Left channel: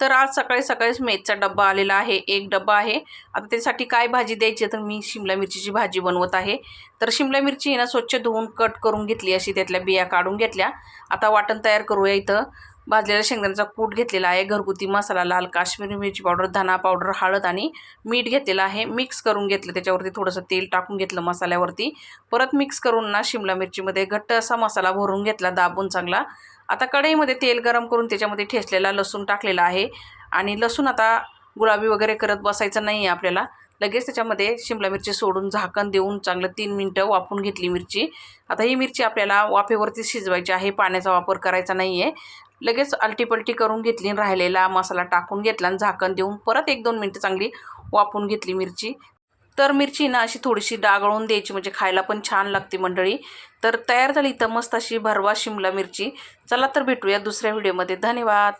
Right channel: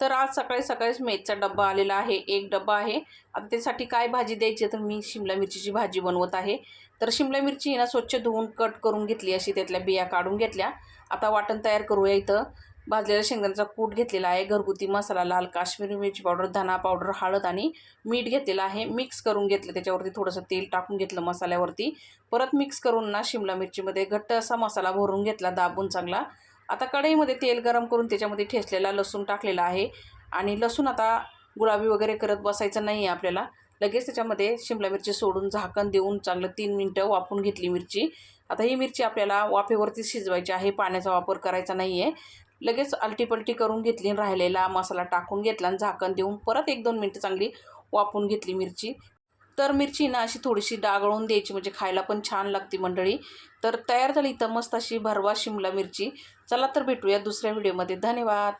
तर आज सकाळी सकाळीच मेथचा डब्बा आलेला आहे. एक डब्बा आहे. आता त्यासाठी काय भाजी द्यायची? तर मी शिमला मिरचीची भाजी बनवत आहे. तर शिमला मिरची ना स्वच्छ धुवून कट करून घेतली अशी त्यातल्या बिया काढून घेतल्या. आता वाटण तयार करूया इथं. भाजलेल्या शेंगदाण्याचा कूट घेतलेला आहे. घरगुती मसाला लाल काश्मीरी मिरची पावडर धना पावडर हळद आणि मीठ घेतलेलं आहे. मिक्स करून घेतलं त्याच्यावरती थोडंसं तेल टाकून घेतलं मसाल्यावरती. परत मिक्स करून ना शिमला मिरचीमध्ये घट्ट असा मसाला भरून घेतला दाबून चांगला. आता कढईमध्ये तेल गरम करून त्याच्यामध्ये ठेचलेला लसूण टाकलेला आहे. आणि लसूण आता गुलाबी वगैरे करत बसायचं नाही आहे आपल्याला. लगेच त्याच्यामध्ये शिमला मिरची सोडून झाकण देऊन चांगलं तीन मिनटं वाफून घेतली मिरची. आता ही मिरची आपल्याला वाफेवरती शिजवायची आहे. पाण्याचा वापर करायचा नाही आहे. लगेच अलटीपलटी करून घेतली आणि राहिलेला मसाला टाकून घेतला आणि झाकण देऊन परत एक दोन मिनटं चांगली वाफून घेतली मिरची. तर मिरची ना अशी थोडीशी डागळून द्यायची म्हणजे खायला पण छान लागते मंडळी. तर तयार झाली इथं मस्त अशी भरवा शिमला मिरची. चला तर भेटूया दुसऱ्या व्हिडिओमध्ये धन्यवाद!